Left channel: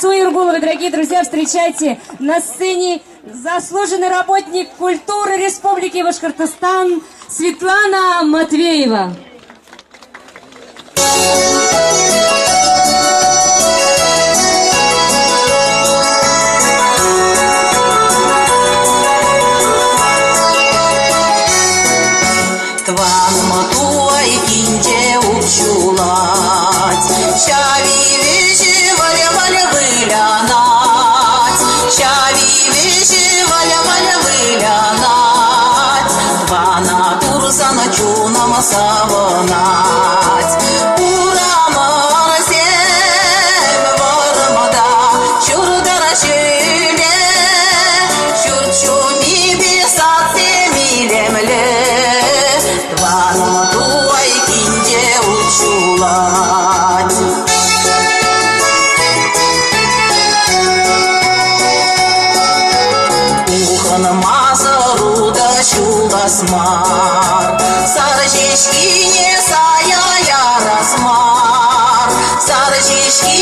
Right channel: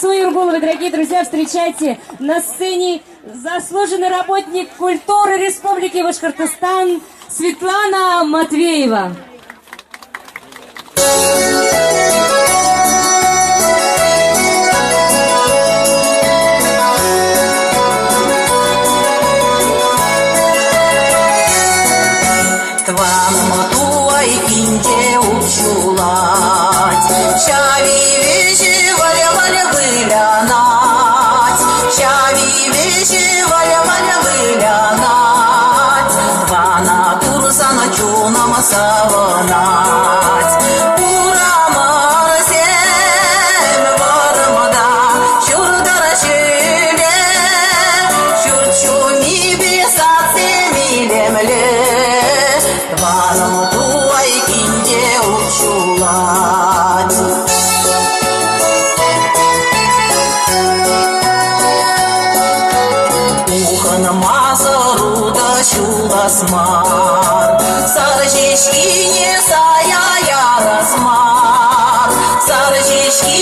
Суйыргуловой, дорогие друзья, встречайте на сцене заслуженный работник культуры Республики Башкортостан Светлана Матвеева. Смар, сарчишки сая ярасмар, сарчишки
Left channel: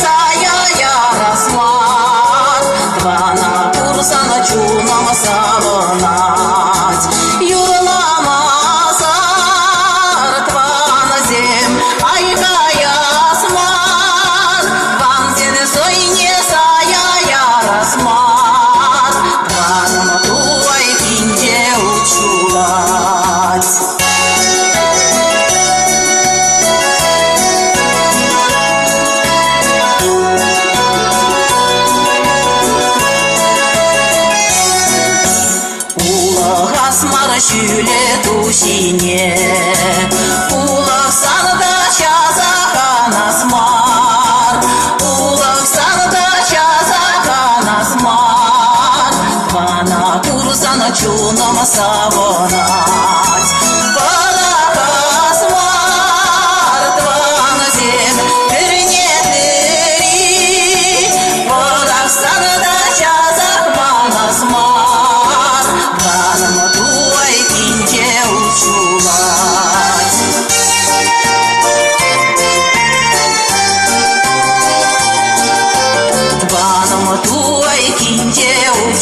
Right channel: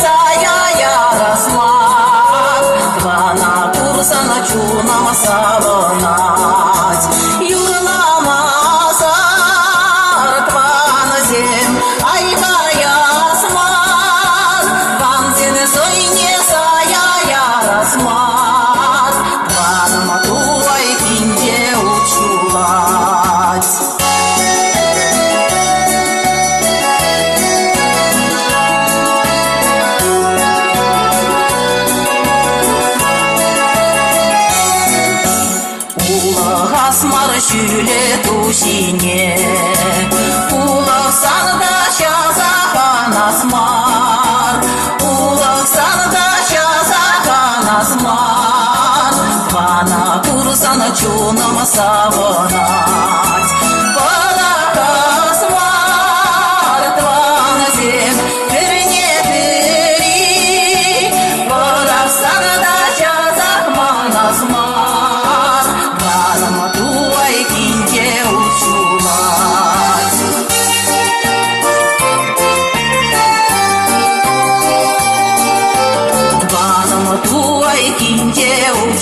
сая ярасмар, двана курсана чунама салонать, юрлама сар твана зем, айда ясмар, вам сене сойне сая ярасмар, двана матуай кинде Şüle tuşine Ulak sarda şazakan asmar Ulak sarda şazakan asmar Bana kursana çunama savonat Balak asmar Tvana zem Kırne kıri Ulak sarda şazakan asmar Bana matu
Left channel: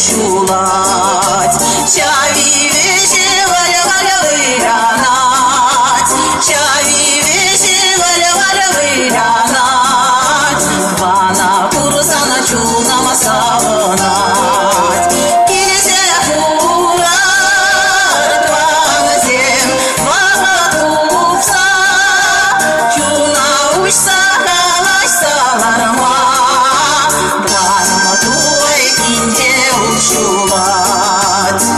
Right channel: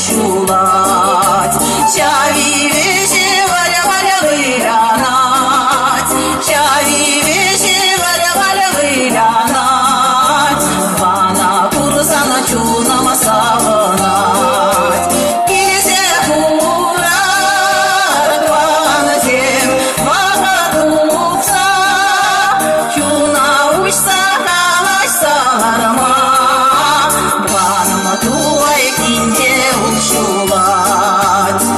Чулать, чави вещи, валя выгонать, чави вещи, валя выгонать, вана курсана чунама салонать, изе хурар, вана зем, вана купса, чуна учса, калаш саларма, вана матуай кинде чулать.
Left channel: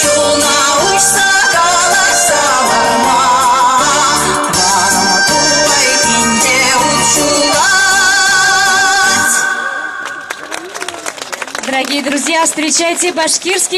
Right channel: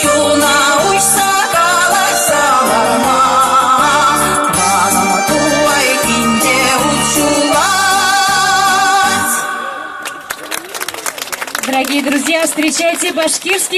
Чуна учса калаш саларма, вана матуай кинде чулать. Дорогие друзья, встречайте башкирский